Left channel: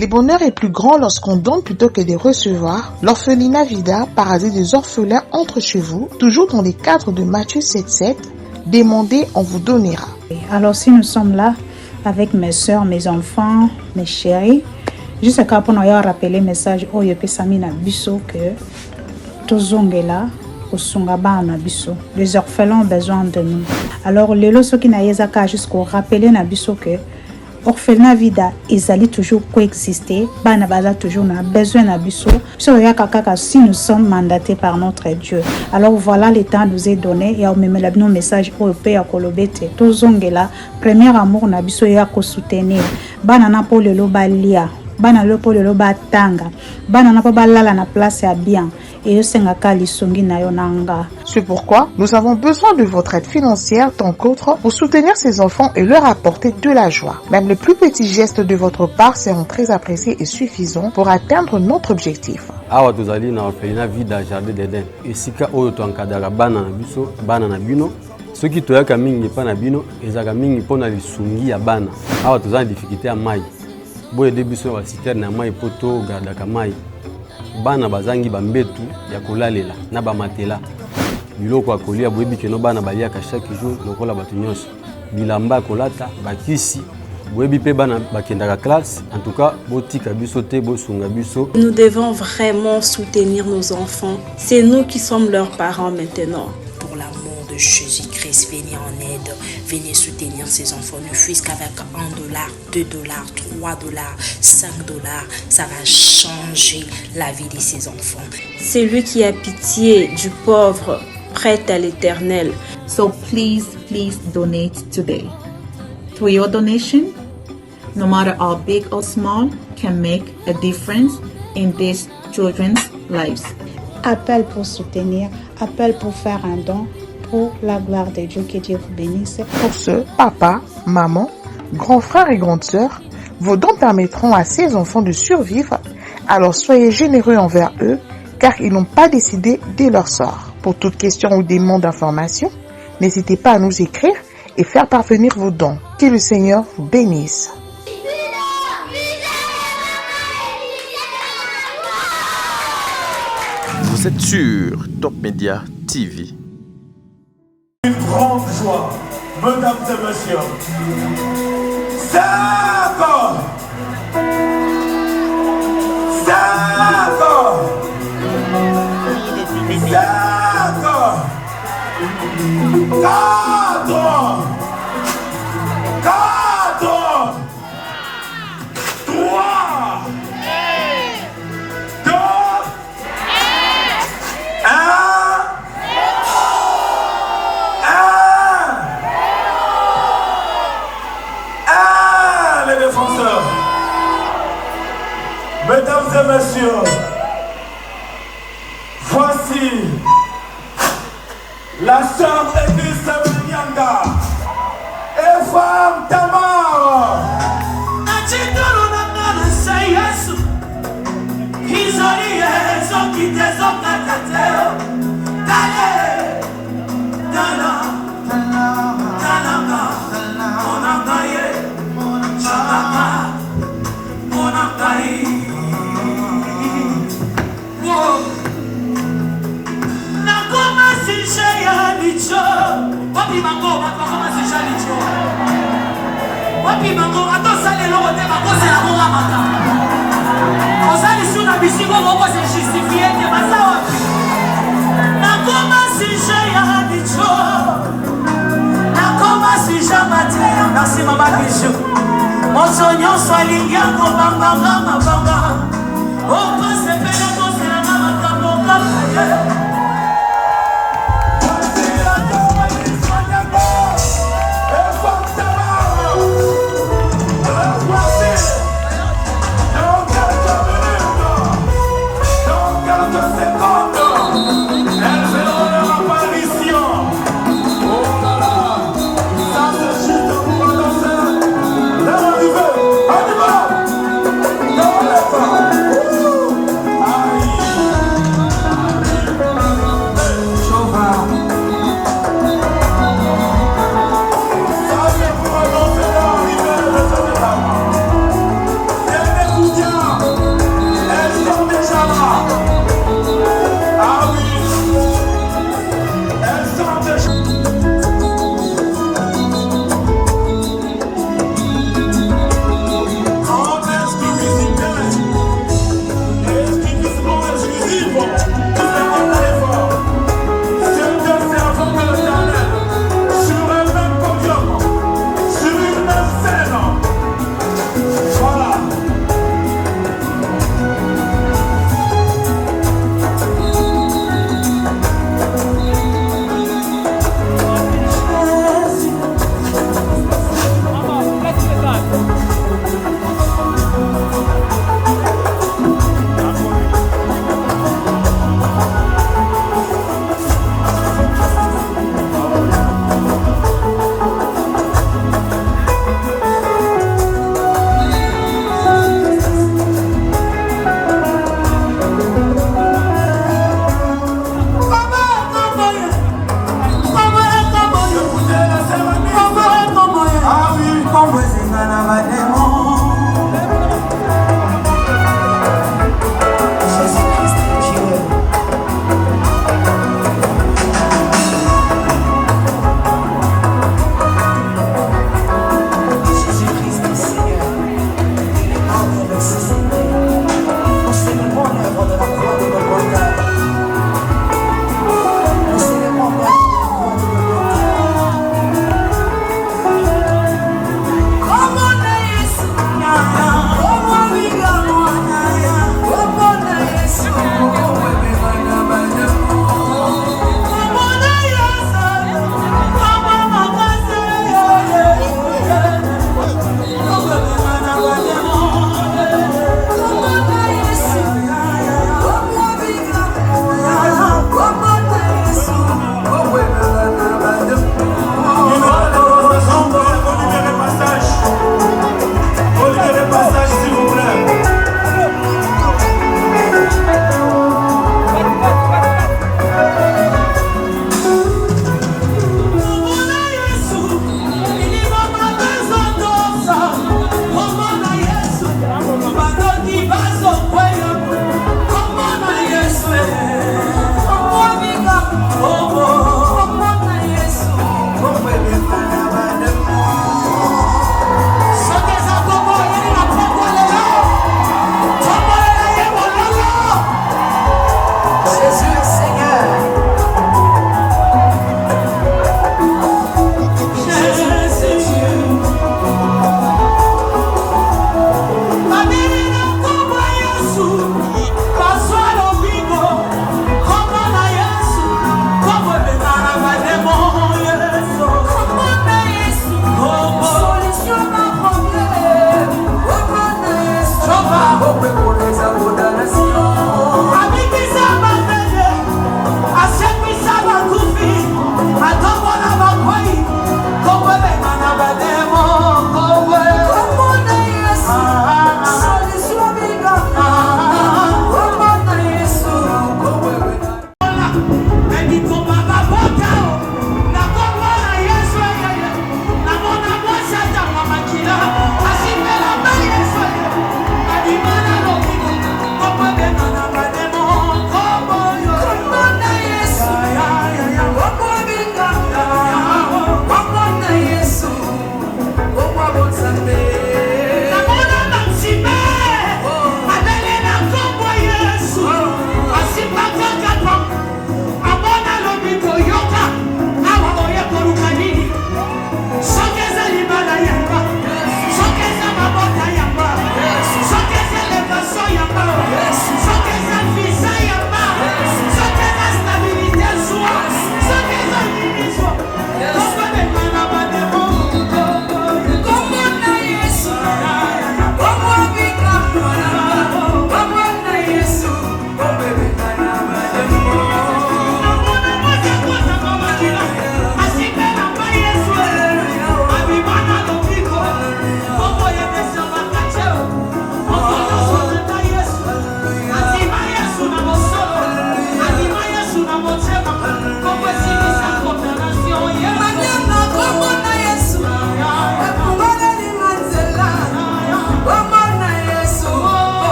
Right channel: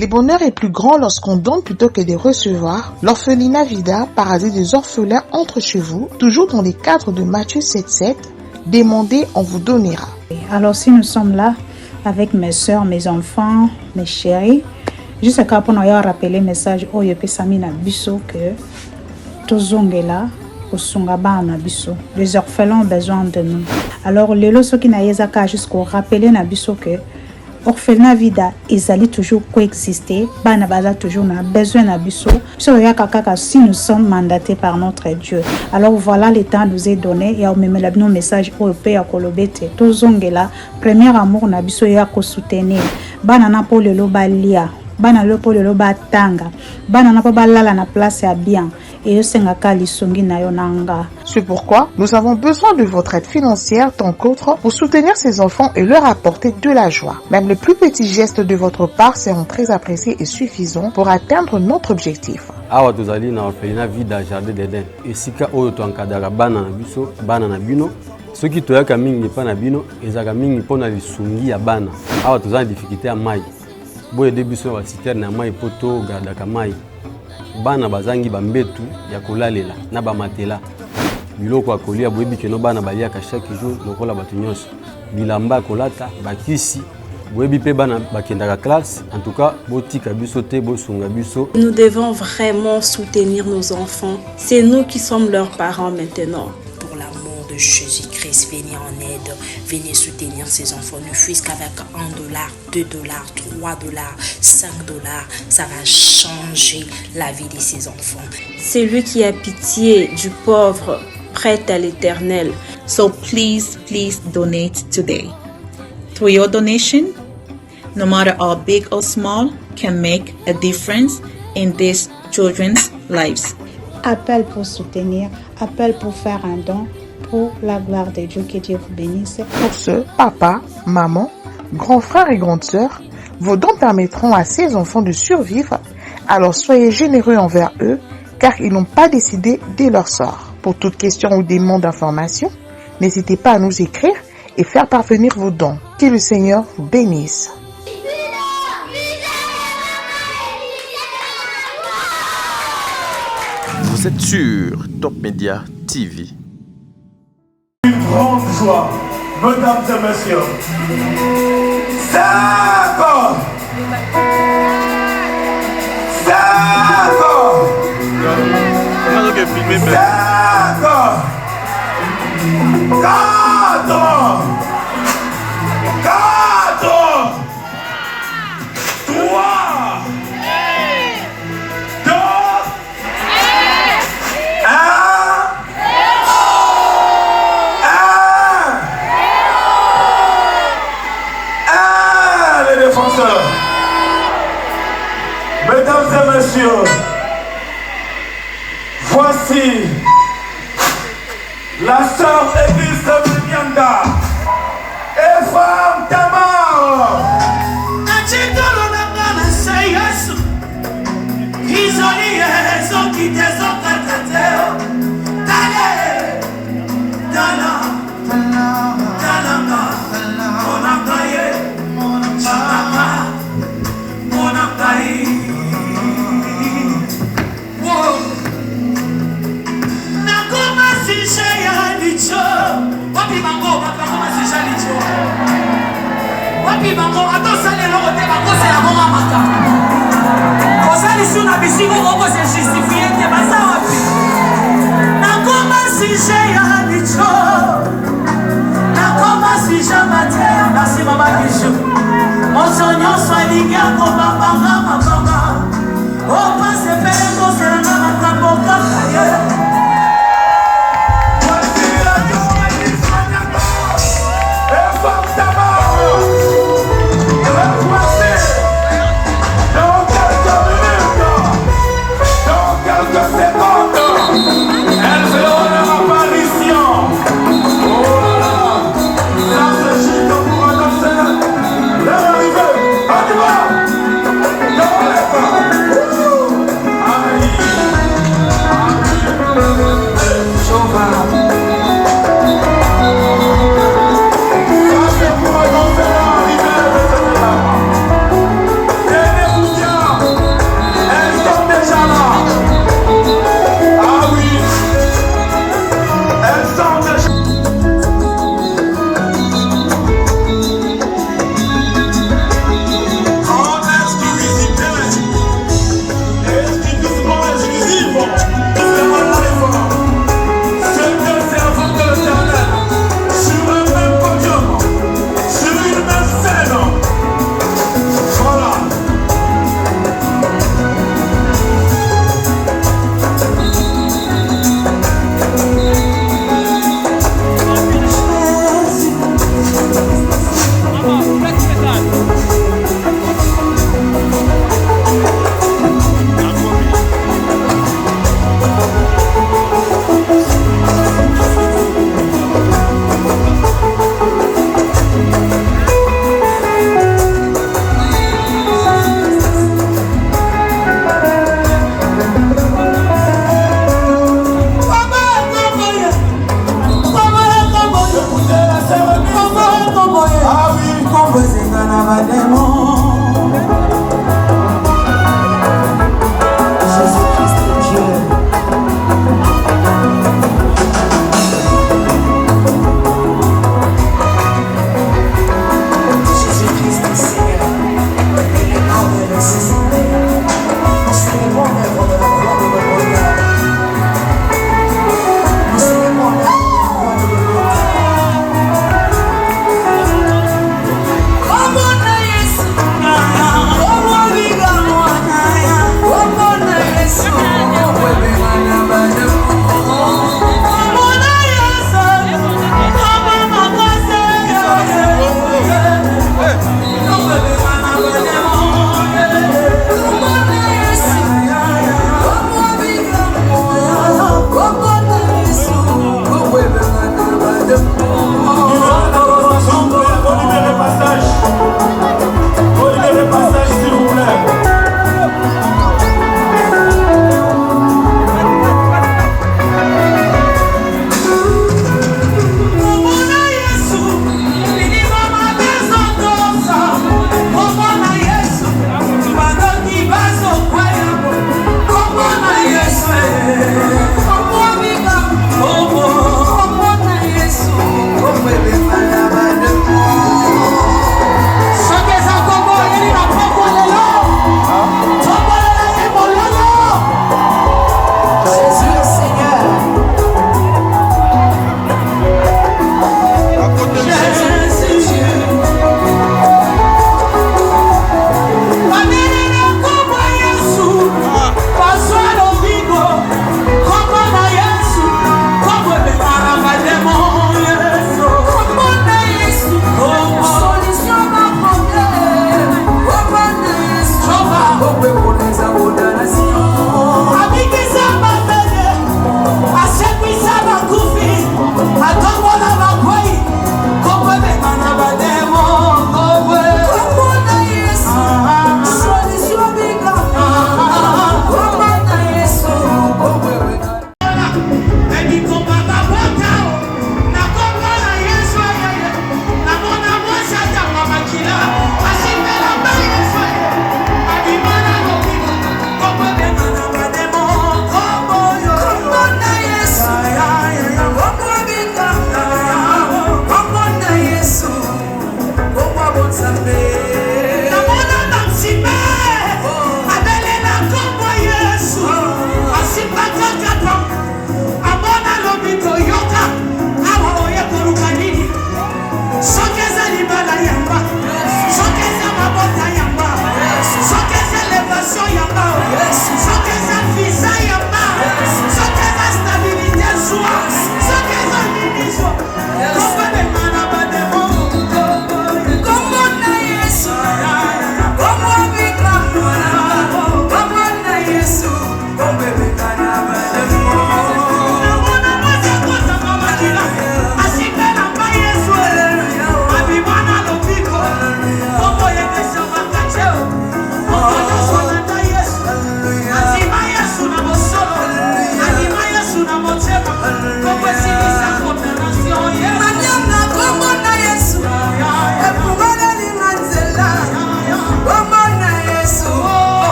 Le bonheur est plus grand lorsqu'on donne plutôt que de recevoir. L'orphelinat Vida, paradis des orphelins, entre chez vous, toujours dans les cadres de Matthieu 7,7. Demandez, on vous donnera. Alors si nous sommes là avec mes soeurs, mes enfants, mes chéris, juste pour nous rappeler le message Oyo Pesami na biso que tozongela osungaba na biso. Les orphelins ont besoin de nous. Alors lelo soki na yezaka jusqu'au rappeler na biso que orphelinat Vida ezali toujours coexister, bana baza toujours na besoin na biso. Si nous sommes mandatés par notre Dieu. Alors voilà, le temps nous est donné et on met nos messages au Père Kolobete. Tozongela, premier amour na biso ya ko soutenir. Bana na po lelo balia, bana lo po lelo batanga, bana na po balala na place ya bien. C'est pourquoi nous avons besoin de votre aide financière tant qu'autre pour soutenir ces enfants et leur apporter de la joie. Même le plus petit geste de votre part seront très appréciés et suffisants pour atteindre notre objectif. Awa tozali na orphelinat Vida Jardin d'Eden. Esika oyo to encadrera bana na biso, bana na bino. Soki toyaka mingi pa na bino, ezaka mingi pona lisungi ya bana. Awa tozali difficulté ya mai. Boye de biso ba citerne na mai poto gardaka mai. Bana bazangi bambetu ya kolalela na bamatela biloko akolia boyebi keno bana baliaka chaque jour lokola batu nyonso bilamba kolata bakisi boyebi pe bana bakendaka classe. En tout cas botika biso te bosunga biso. Nous devons vraiment soutenir nos enfants. C'est nous qui sommes leurs parents maintenant. Pour l'amour de Jésus-Christ, venez en aide, venez soutenir ces enfants, ne fût-ce qu'avec $1, $2, $3, $5, ça va changer la vie de ces enfants. C'est lui qui a pitié du pauvre, prête à l'Éternel. So please donate today. through your donation, no matter how big or small, can make a difference in these children's lives. Appel pour soutenir, appel pour faire un don pour la gloire de Dieu. Que Dieu vous bénisse. Pour ce, papa, maman, grands frères et grandes sœurs, vos dons permettront à ces enfants de survivre, alors soyez généreux envers eux, car ils n'ont pas décidé de leur sort. Pour toute question ou demande d'information, n'hésitez pas à nous écrire et faire parvenir vos dons. Que le Seigneur vous bénisse. Vous êtes sur Top Media TV. Une grande joie, mesdames et messieurs. C'est bon. Mesdames et messieurs, voici la sœur Église de Nyanga et femme Tamar.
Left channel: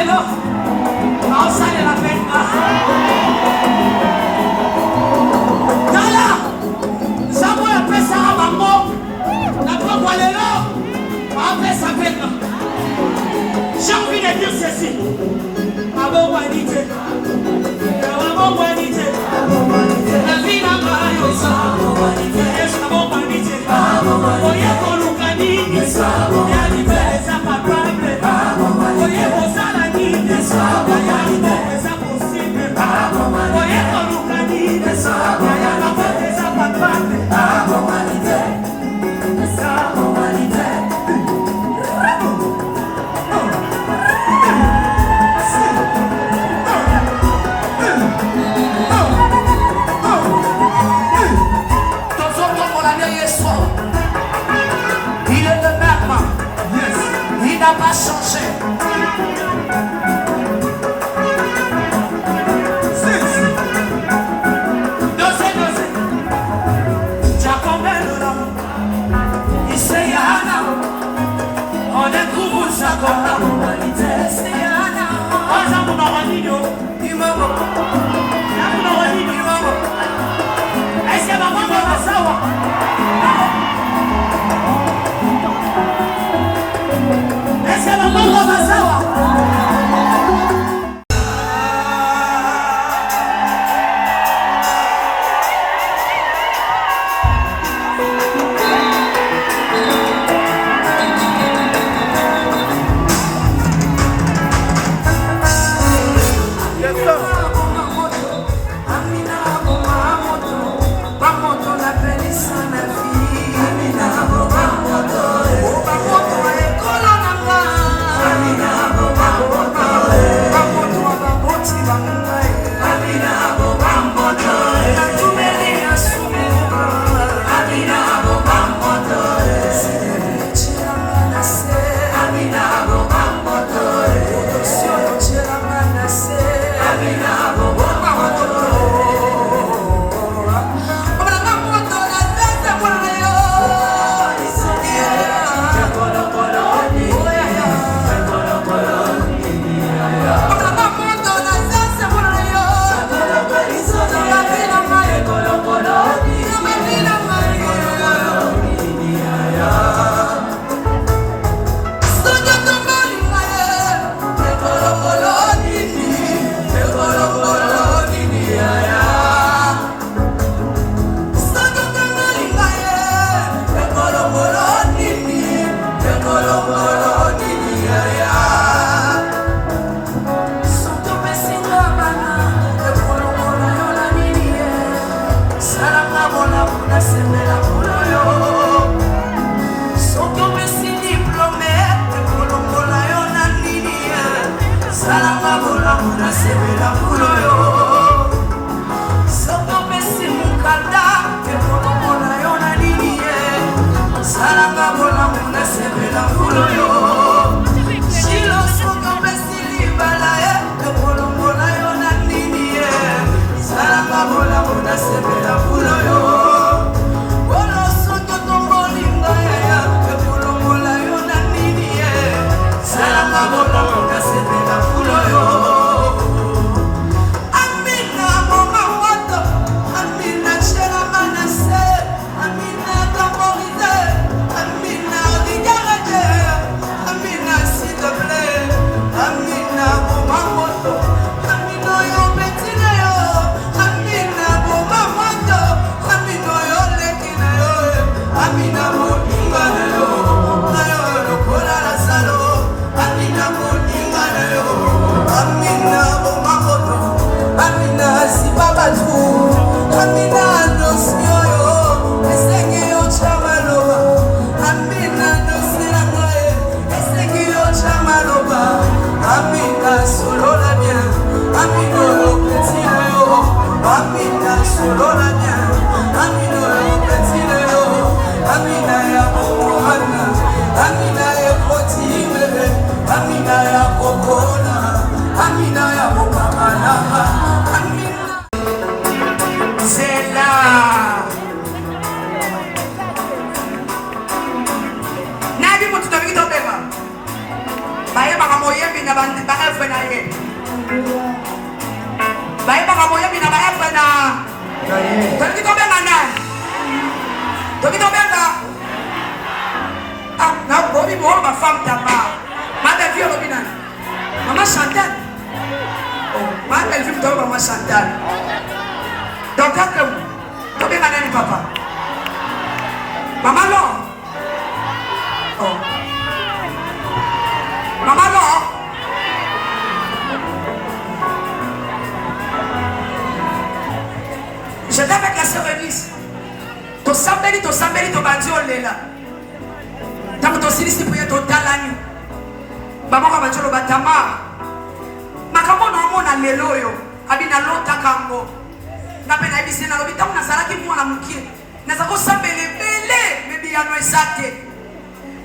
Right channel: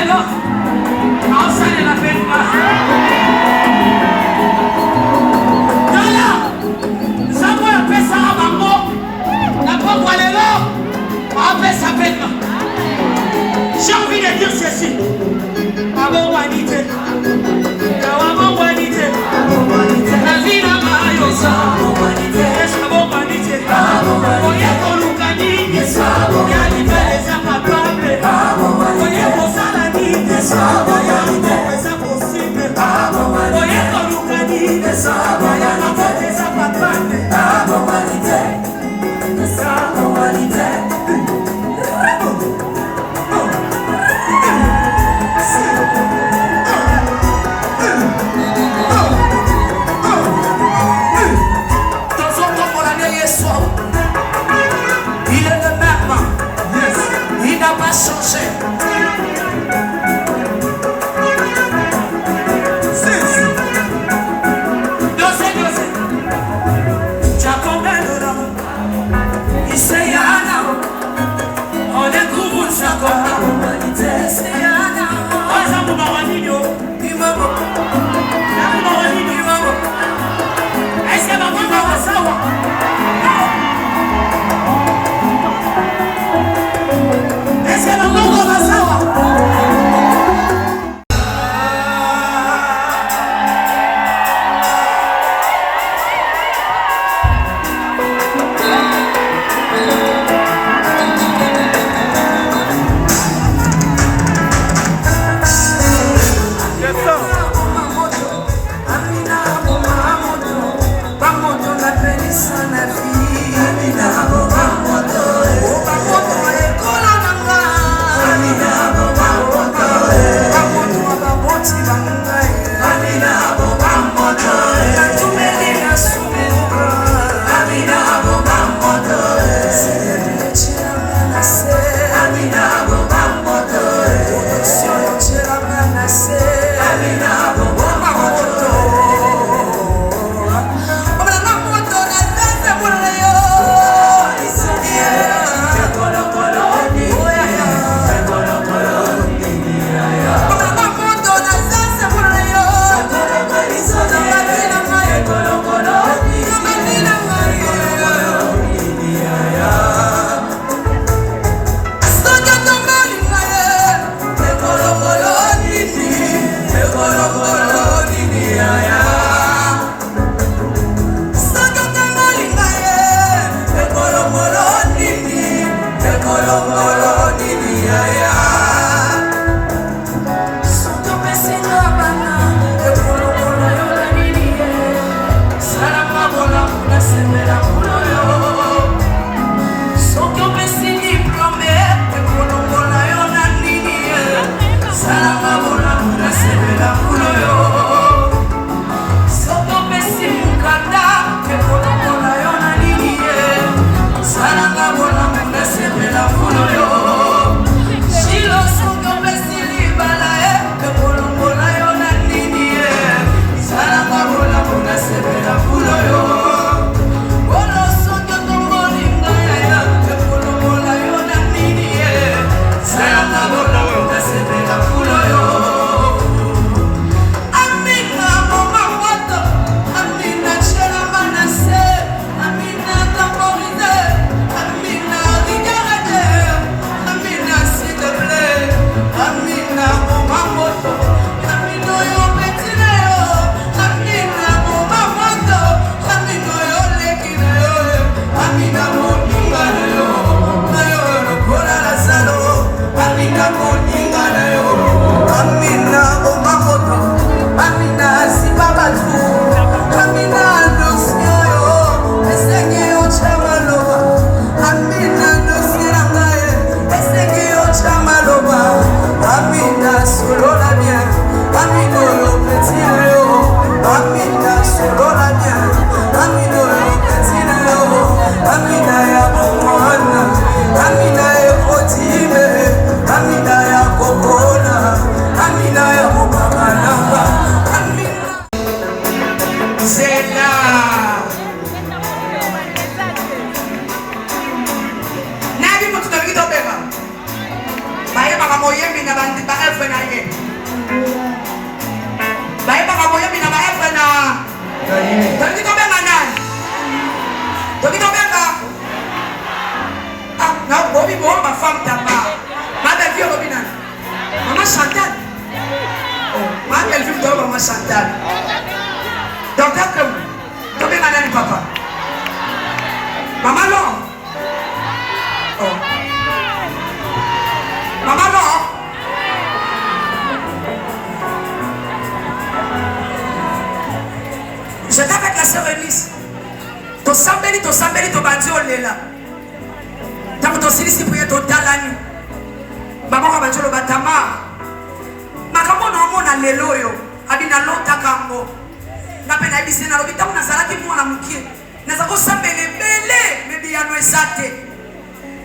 lelo aosalela mpenza tala nzambe oyo apesaka bango na pokwa lelo apesa mpenza. J'ai envie de dire ceci. Abongwanite. Abongwanite. La vie n'a pas eu ça. Abongwanite. Oye kolukani. Ya libere sa capable. Oye kosalani. Ya libere sa possible. Oye kolukani. Ya libere sa capable. Abongwanite. Abongwanite. ma femme Tamar. Ma belle-fille Robina. Maman Chantal. Oh, ma belle-fille de maman Chantal. Donc, tu es un papa. Maman Laure. Oh. Maman Laure. J'étais avec la sœur Elise. To sambeli to bandi olela. Tant que to silisi prier to talani. Maman va bandi lo batama. Makambo na mona lelo yo. Abina lota kambo. Na pena ebisi na lobita una salati mwana mukie. Na zako sambele bele mebi ya no esate.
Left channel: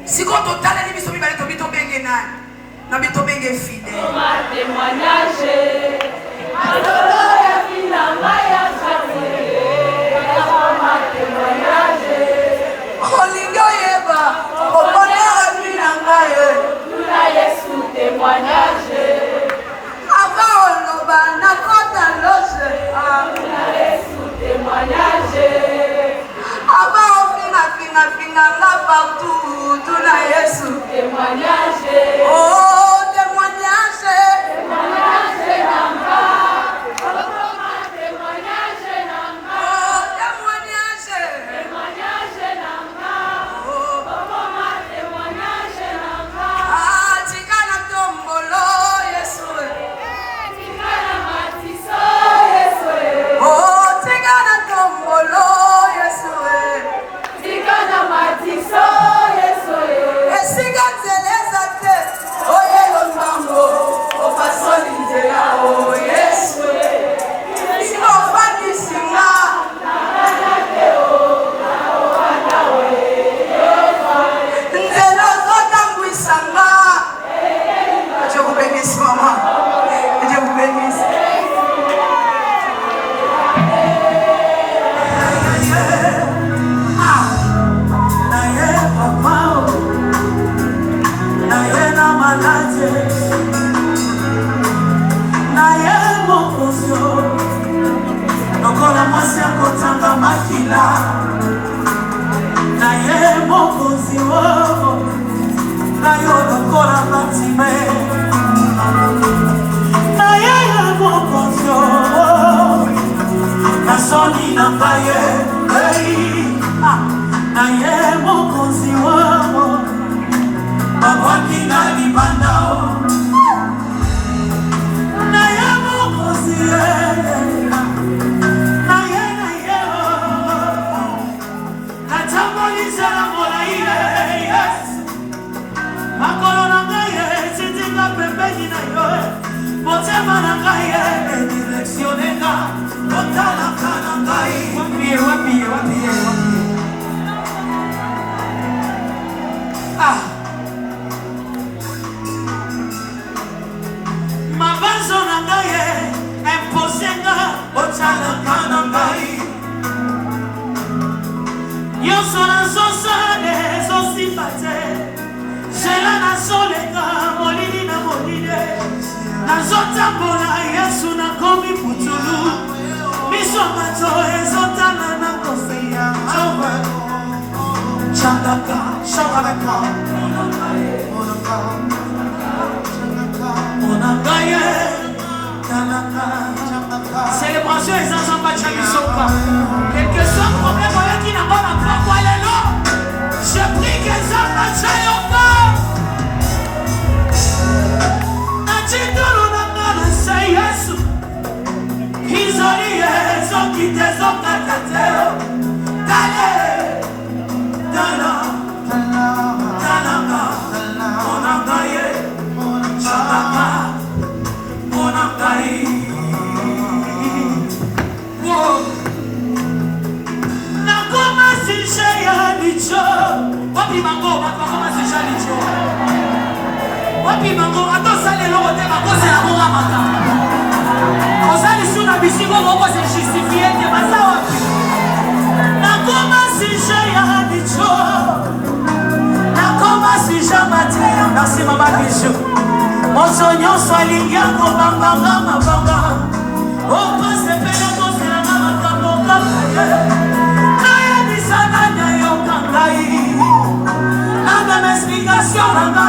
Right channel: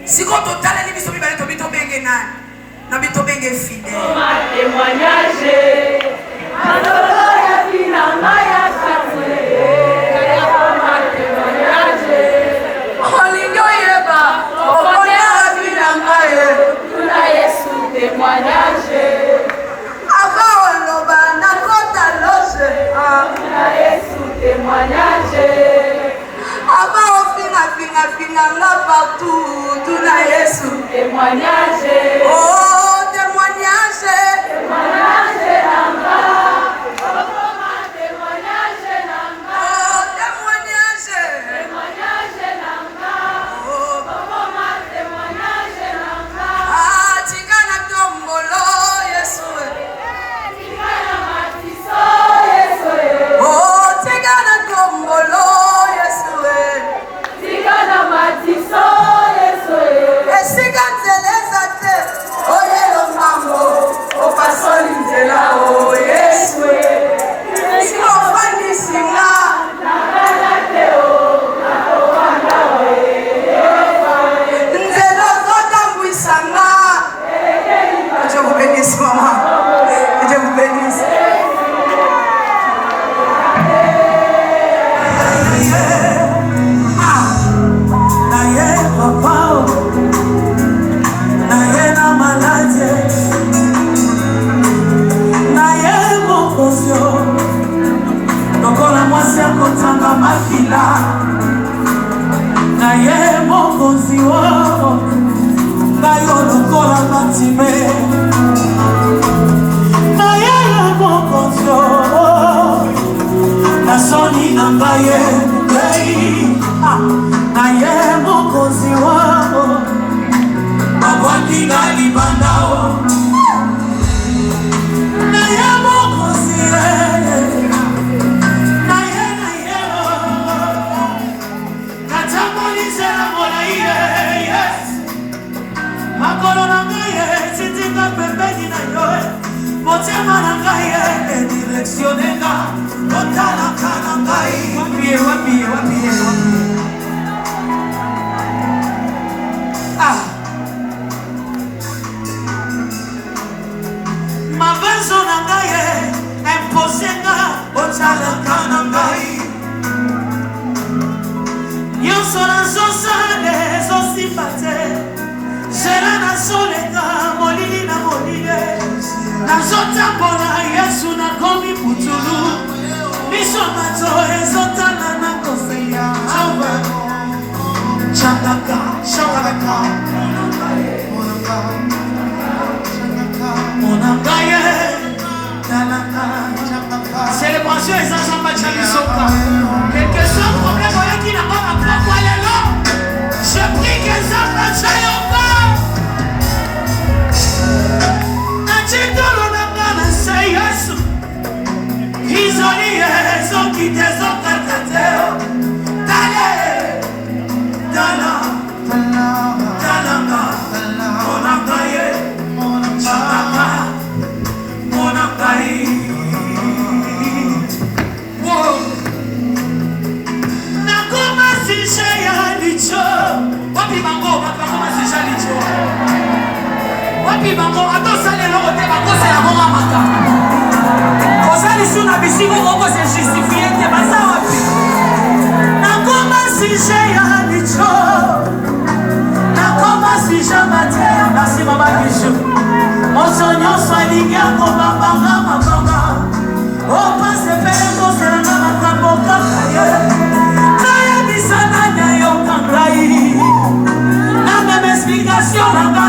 Siko to talani biso bibale to bito benge na. Na bito benge fidèle. Ma témoignage. Adoro ya finanga ya témoignage. Oh, témoignage. Témoignage nanga. Oh, témoignage nanga. Oh, témoignage. Témoignage nanga. Oh, témoignage nanga. Ah, tingana tombolo Yesu. Tingana matiso Yesu. Oh, tingana tombolo Yesu. Tingana matiso Yesu. Siganzeleza te, oye lo mambo, o pasoli nzela o Yesu. Si ofani singa, nakana te o, nakobana we. Nzelo zota mbwisanga. Je vous bénisse maman, je vous bénisse. Na ye mokonzi wo na yo lokola matime na ye mokonzi na soni na ngaye na ye mokonzi wo babwaki na libanda na ye mokonzi Mabanzo na ngaye imposenga otalaka na ngai nyonso nazosala ezosimba te zela nazolenga molili na molile nazotambola Yesu nakomi putulu miso bato ezotala na koseya changaka changaka monangaye tanaka célébration ezazamba chamisoka quelque soit problème oyaki na koma kwa lelo j'ai pris que ezamba chayoka achikolo nanga na se Yesu izoli ezoki tezokata teo tale tala talaka monangaye changaka monangaye nakoma sishe ya licho wapi bango bakoma sishe licho wapi bango atosalelo ote bakose ya monga maka osalisi na bisingo bokose justifie te baza wapi nakoma sishe ya licho nakoma sishe matie ya merci mama bicho moso nyonso alingi yango mabanga mabanga opase pele koselanga makambo kaka ye nayebisana na yo kangai na meme explication nanga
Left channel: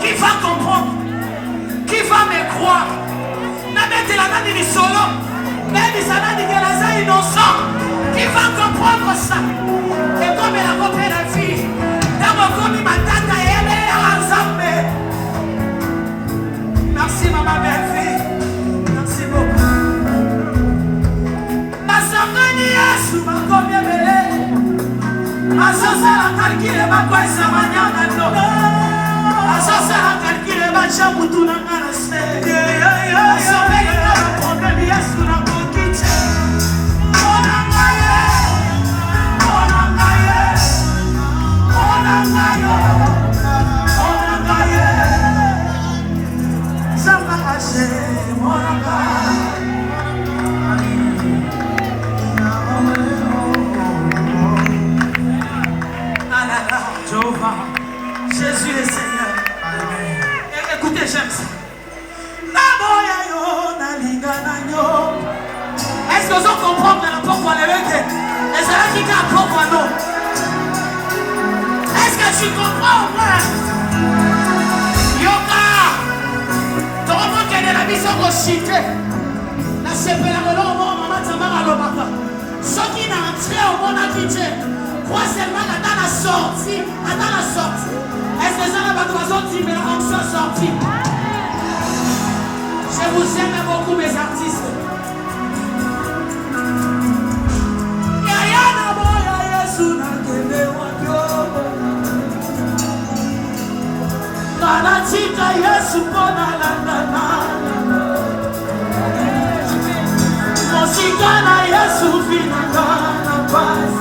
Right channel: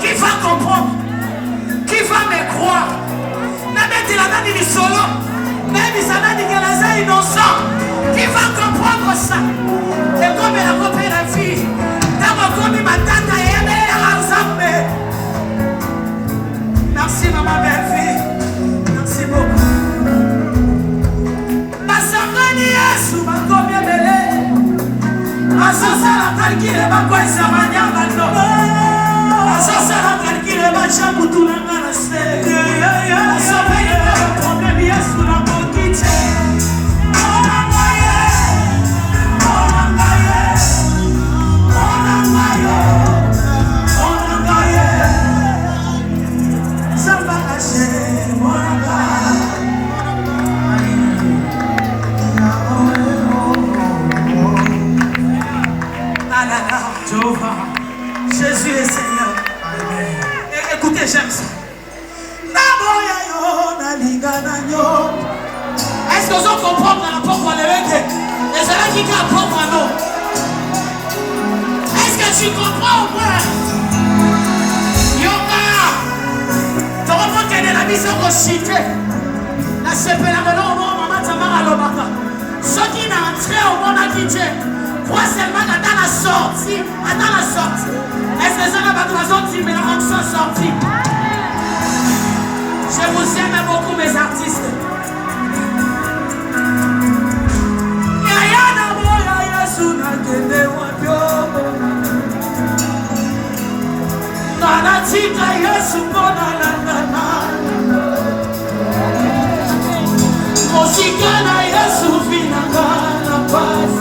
Qui va comprendre? Qui va me croire? Innocent. Qui va comprendre ça? Et comme elle a compris la fille, merci maman belle fille. Merci beaucoup. Masangani Yesu makomi ebele. Asasala kalkile bakwa samanyanga ndoba. Asasala kalkile bachamu tunangana se. Asopele na problème Yesu na kokite. Jésus est Seigneur. Écoutez, j'aime ça. Est-ce que vous comprenez la porte de l'œil? Les gens qui comprennent non. Est-ce que tu comprends ou pas? Yoga. Tu comprends qu'elle est la mise en cité. La sepelle au moment Tamara Lomaka. Ceux qui n'ont entré au monde à Dieu. Crois seulement qu'à la sortie. Attends la sortie. Est-ce que ça n'a pas de raison de mais en soit sorti? Je vous aime beaucoup mes artistes. Tika Yesu kona landana Mosikana Yesu vina kana pasi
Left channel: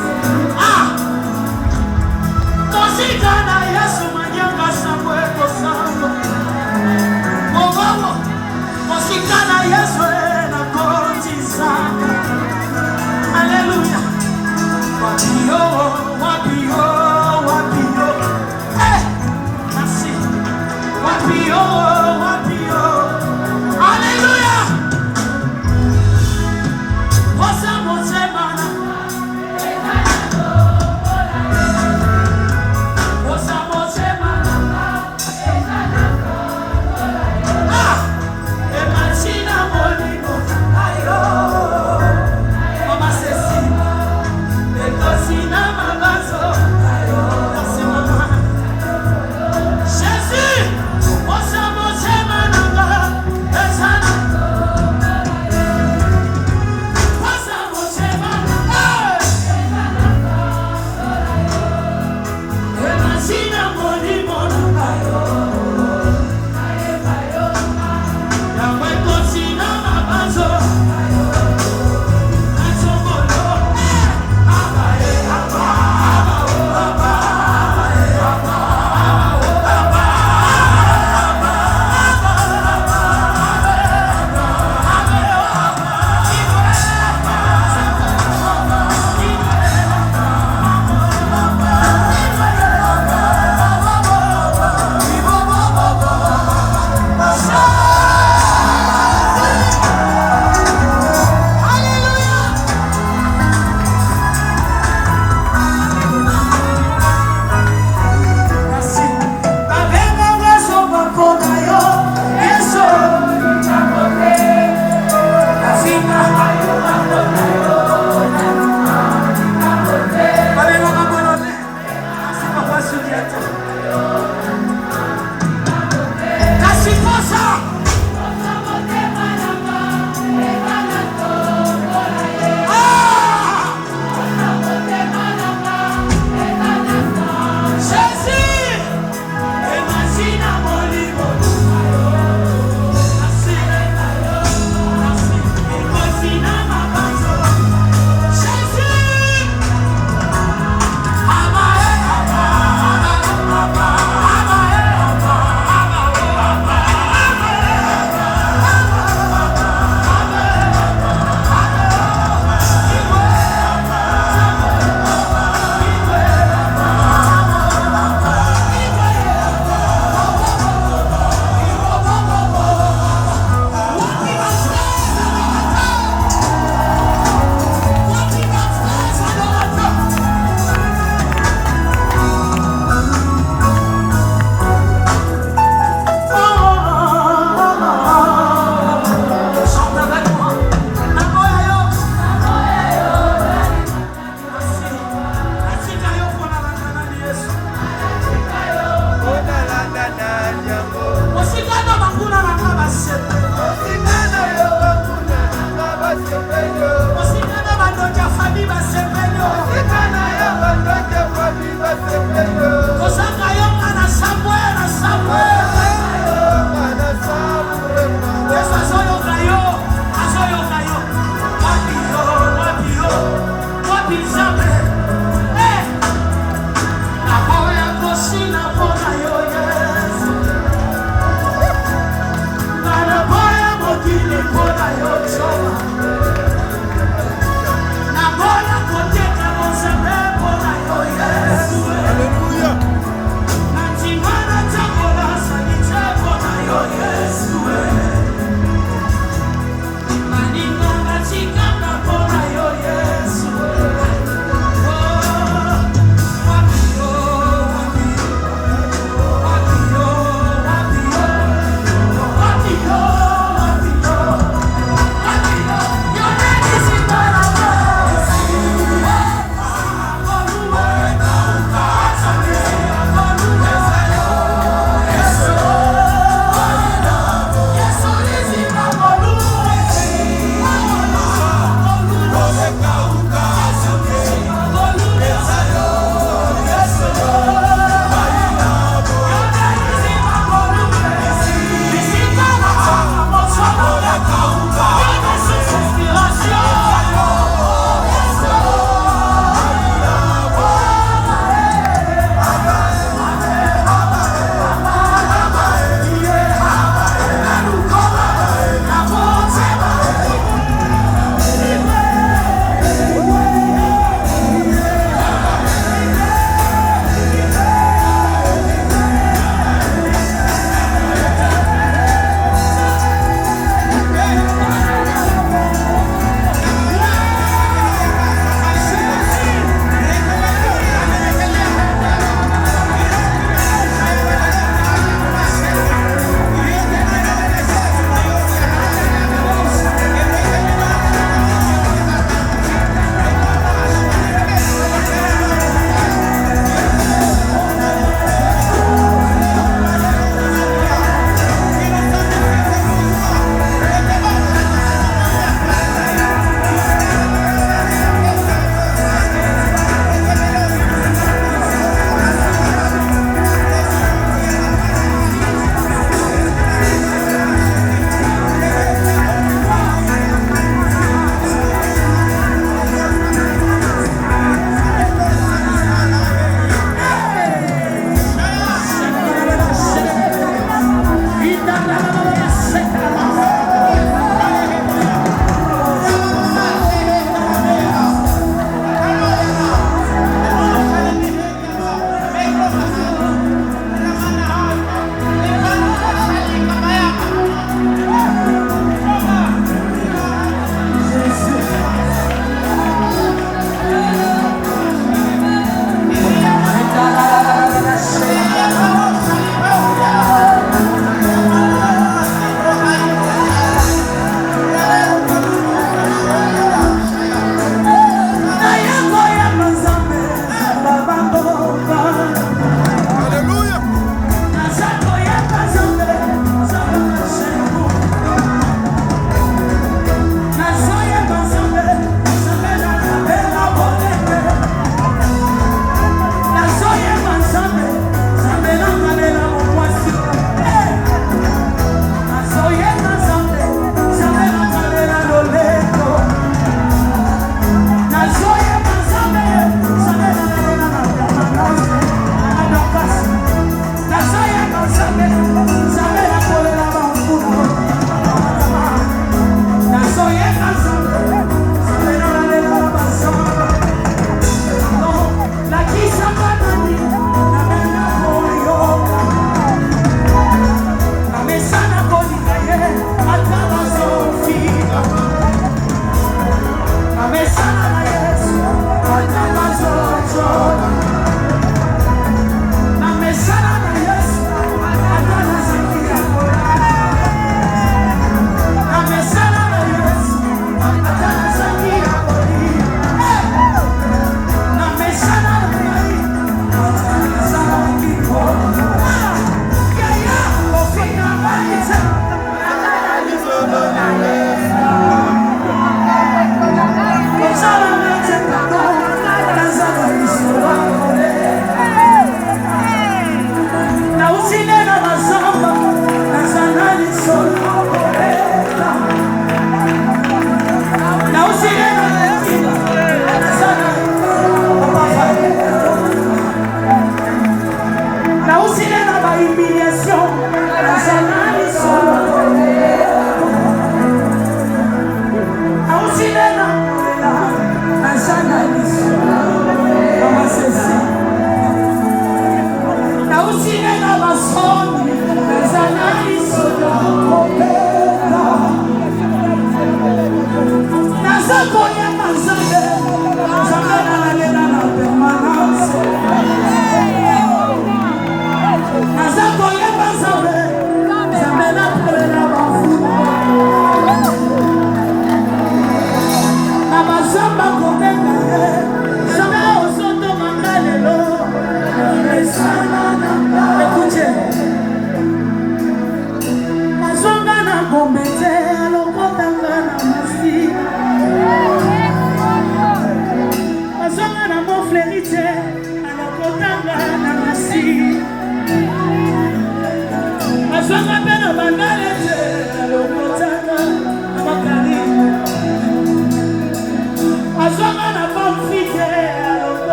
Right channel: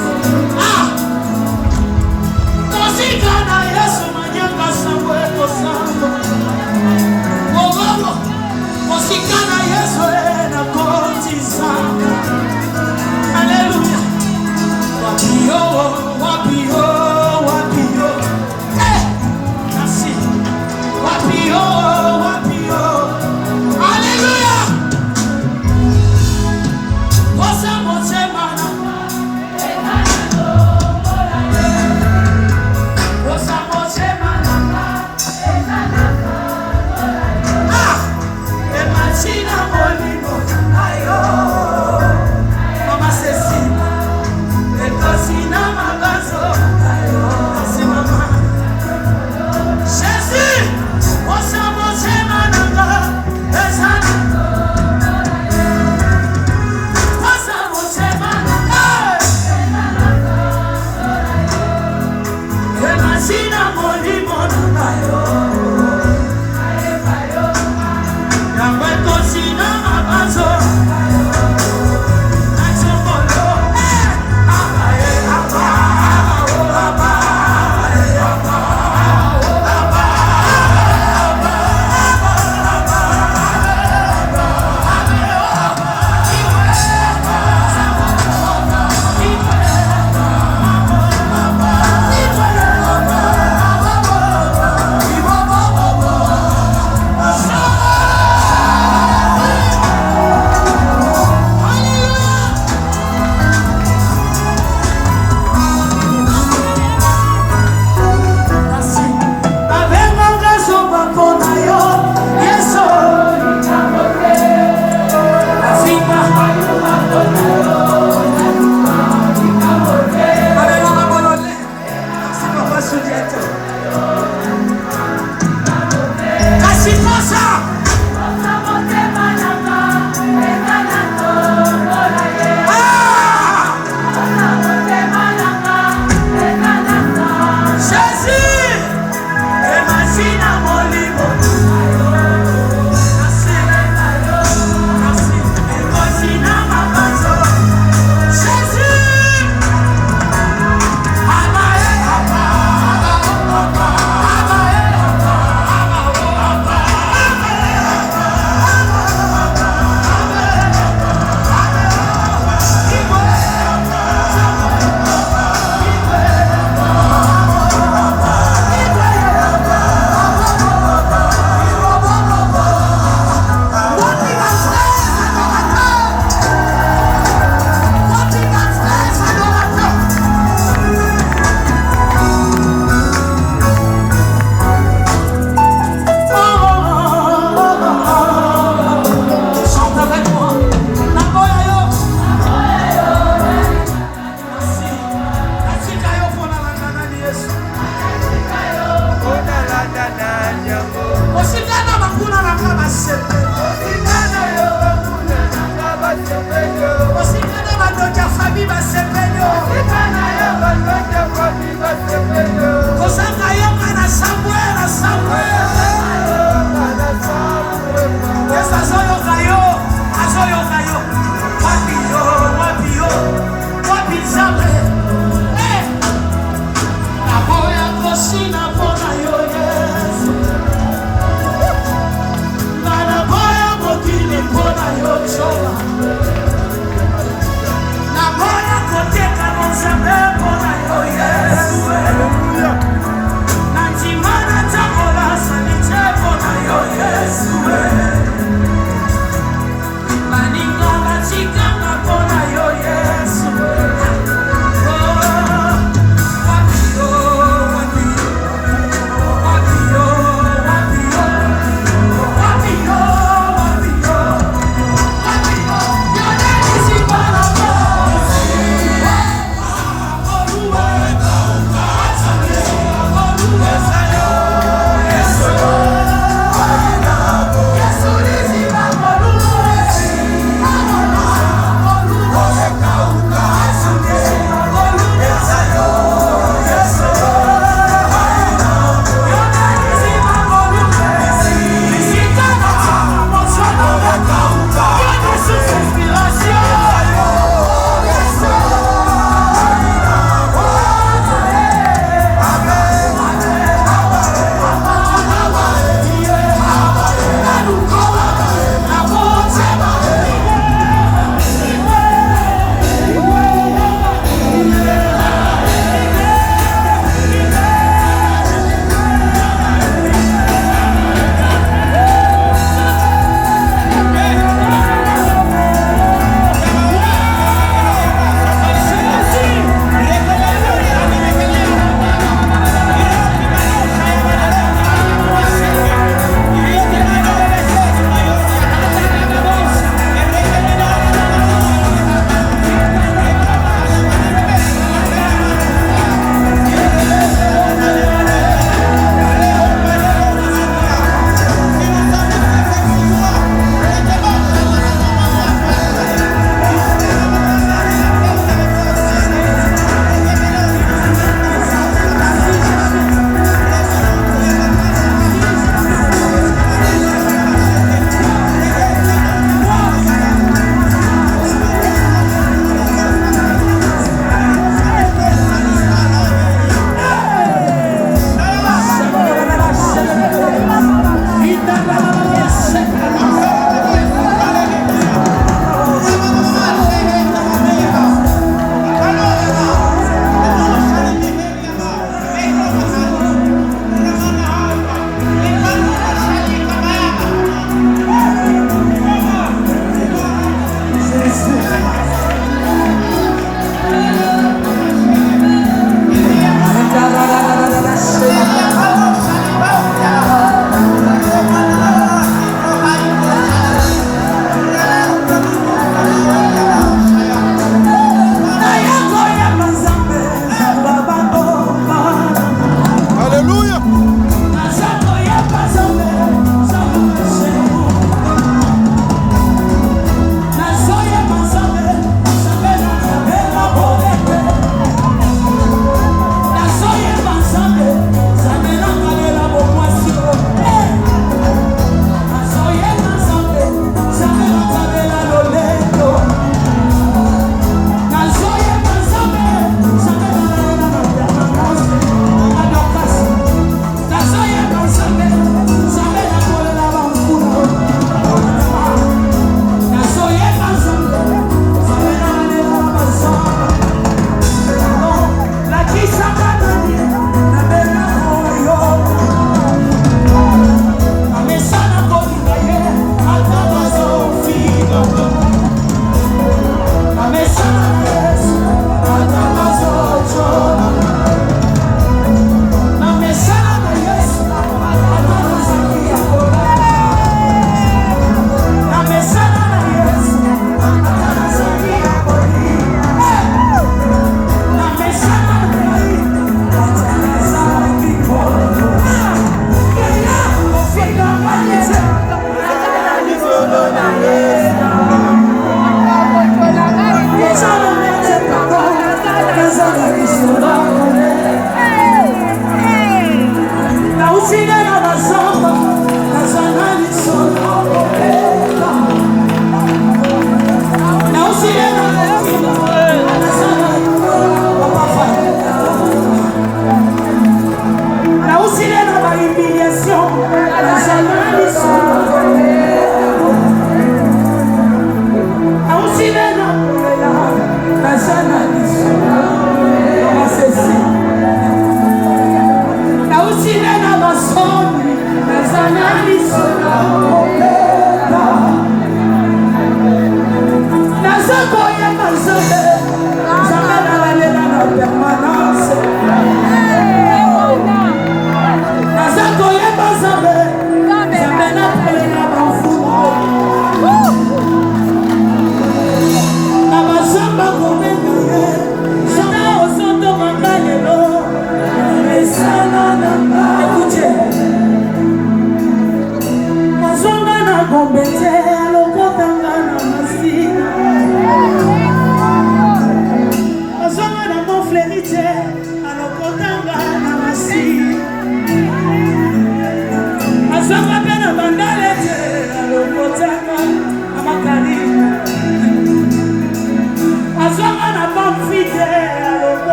Mosikana Yesu manyanga sangwe kosango Mowawo Mosikana Yesu na konti sana Hallelujah Wapio, wapio, wapio Merci Wapio, wapio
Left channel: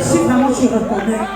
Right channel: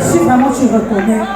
Si vraiment tu reconnais,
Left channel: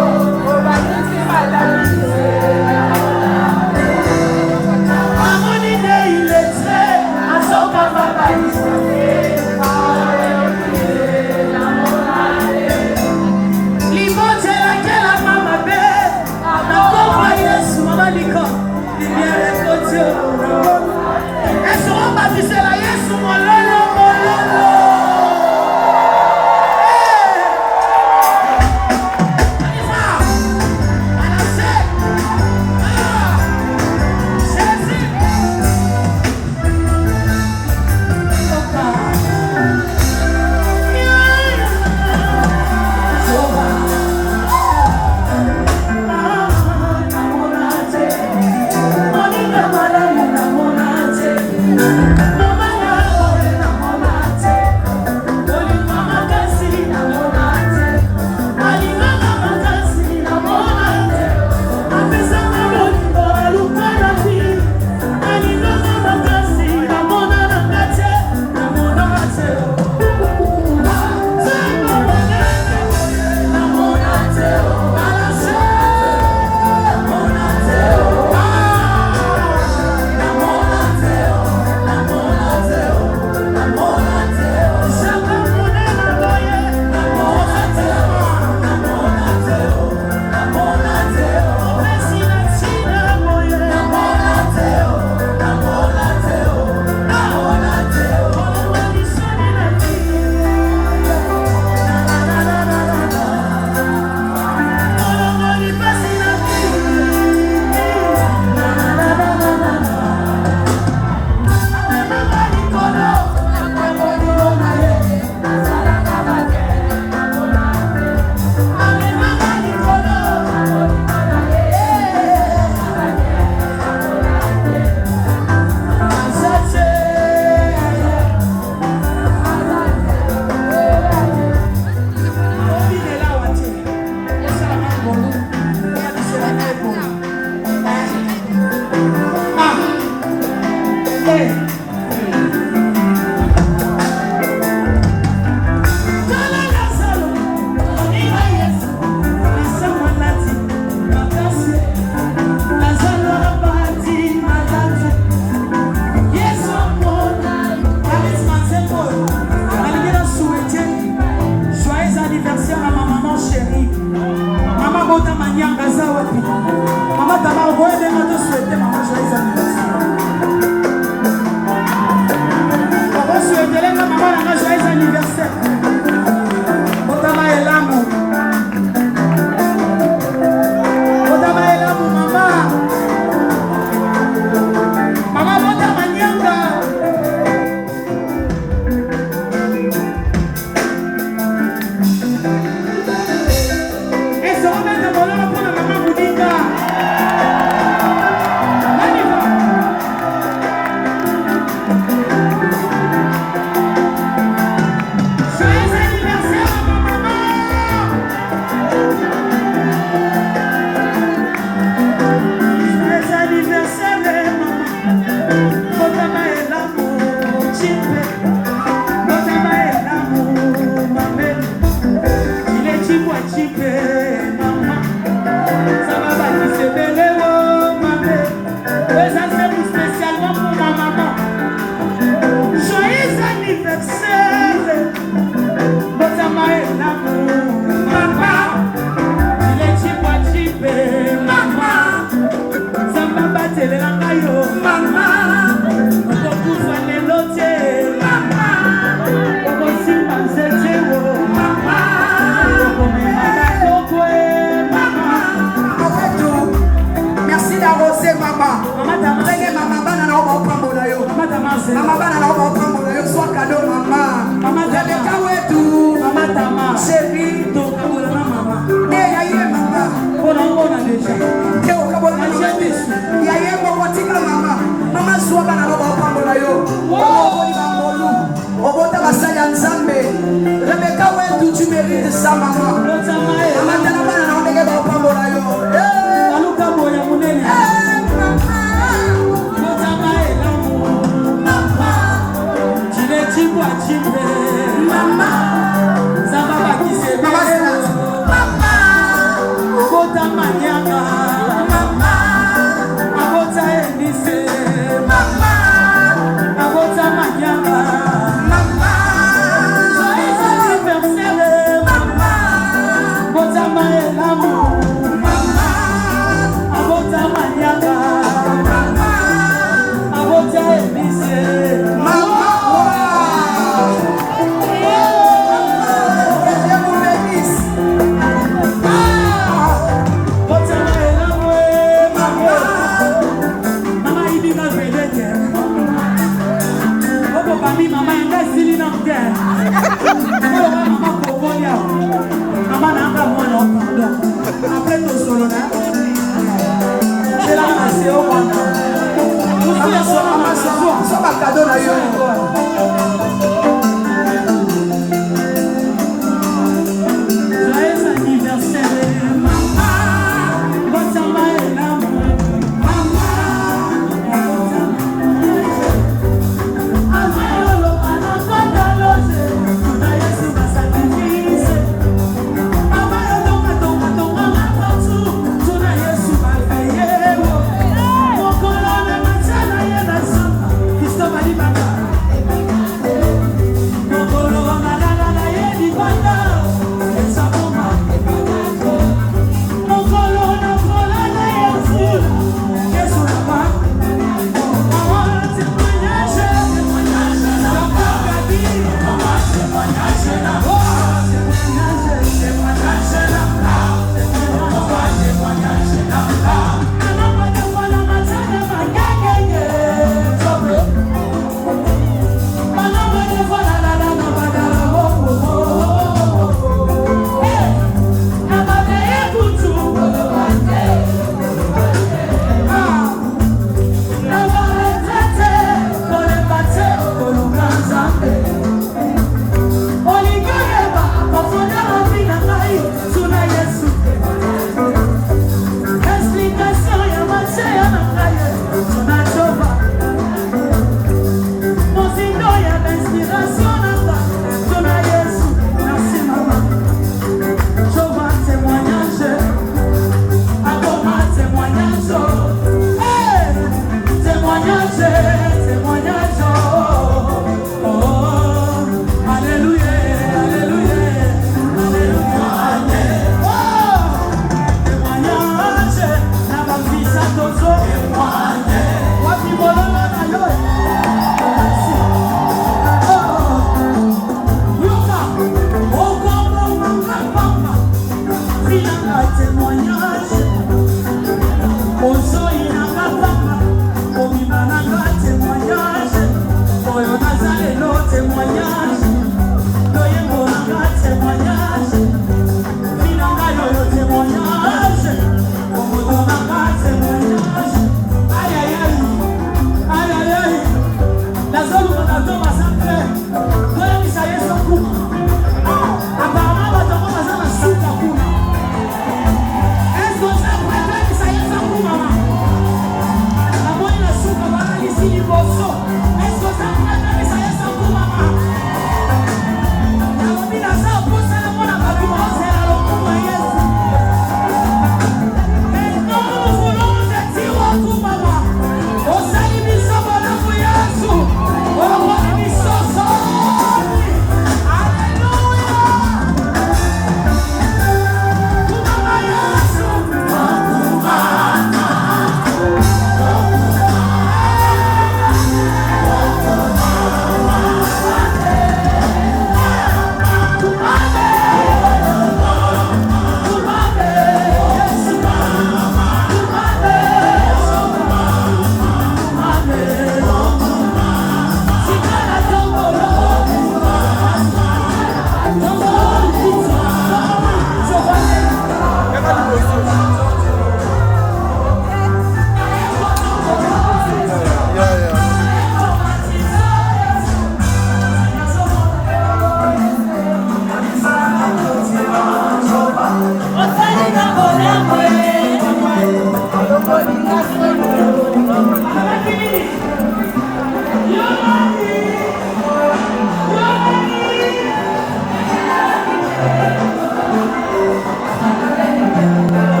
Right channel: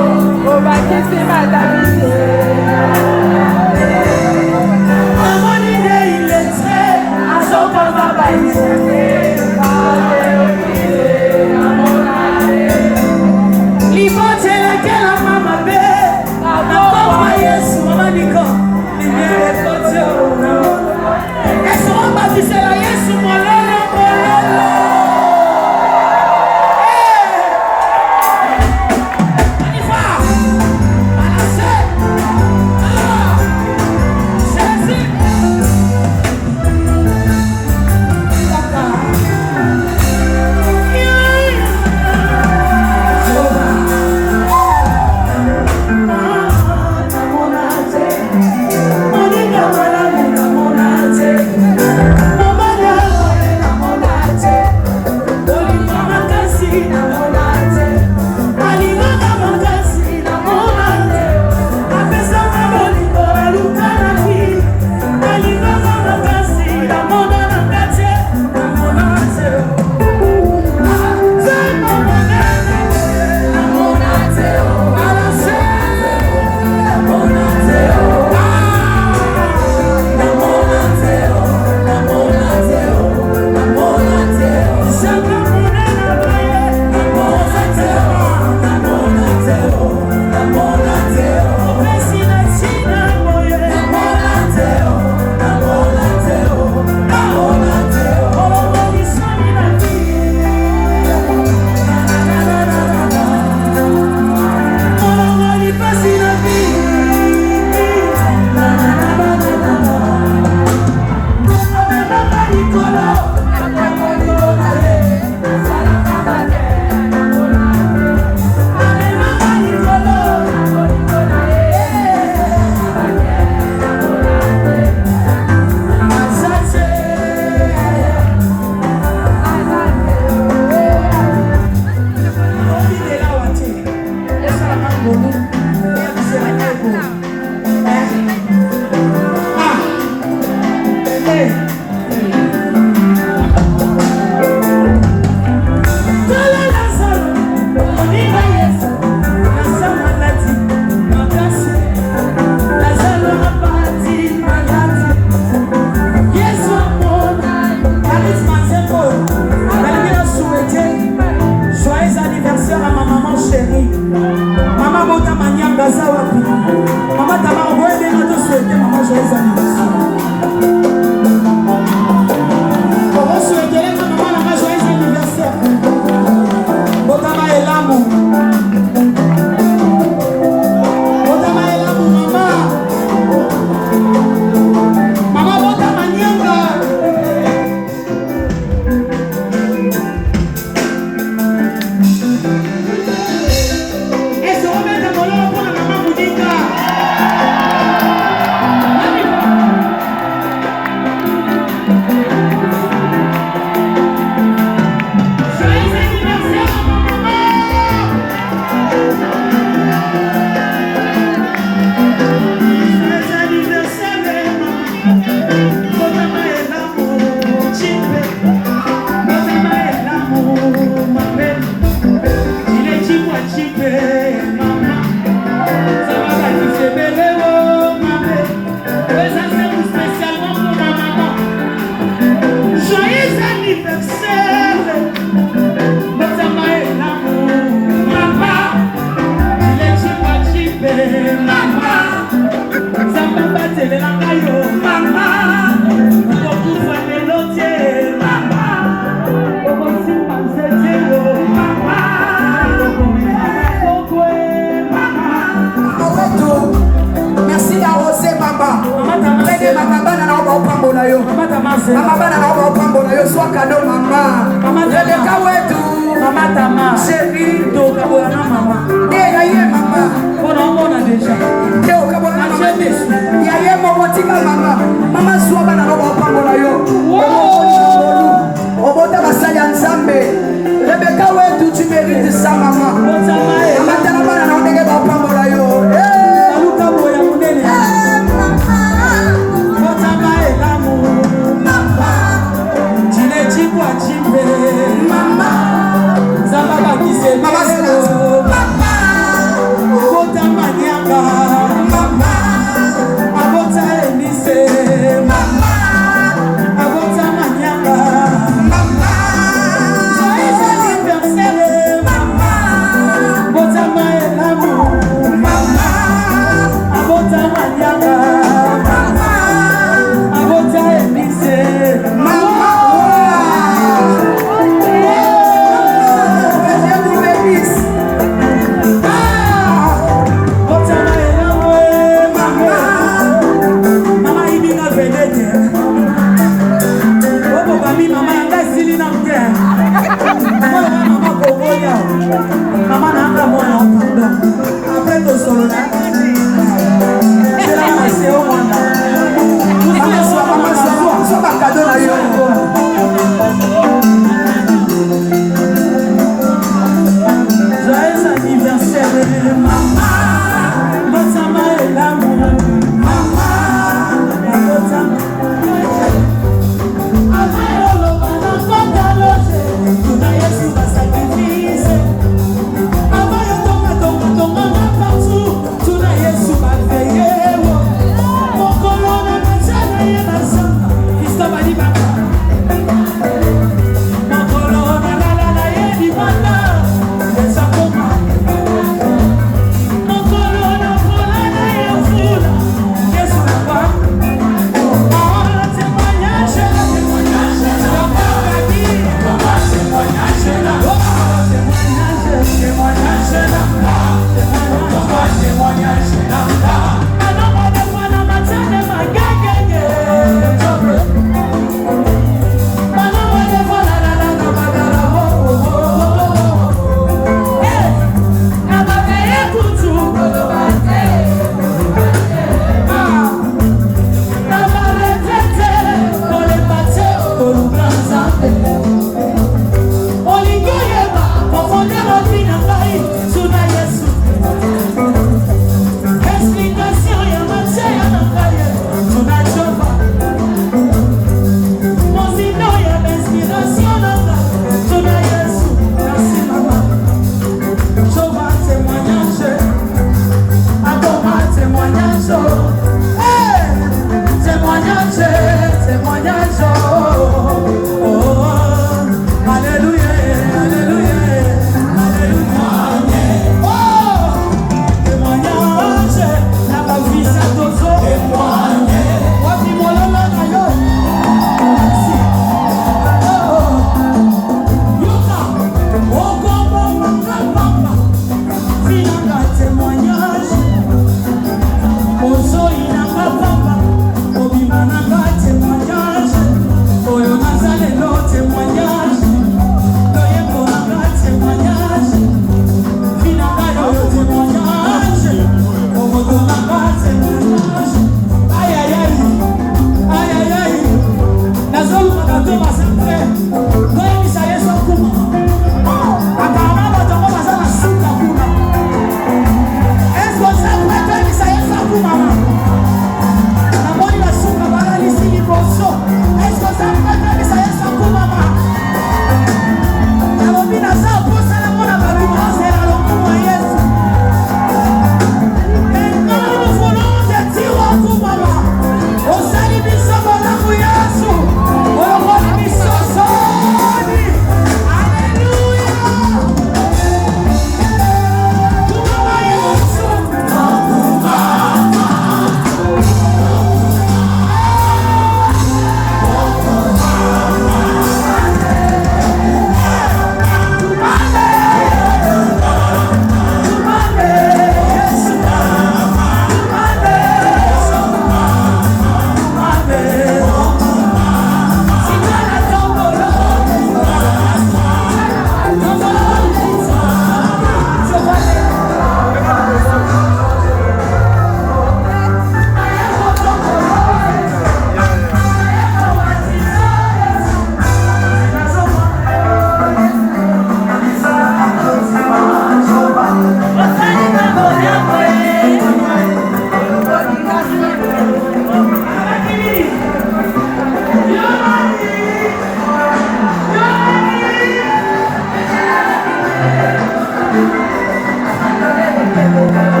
Thank you.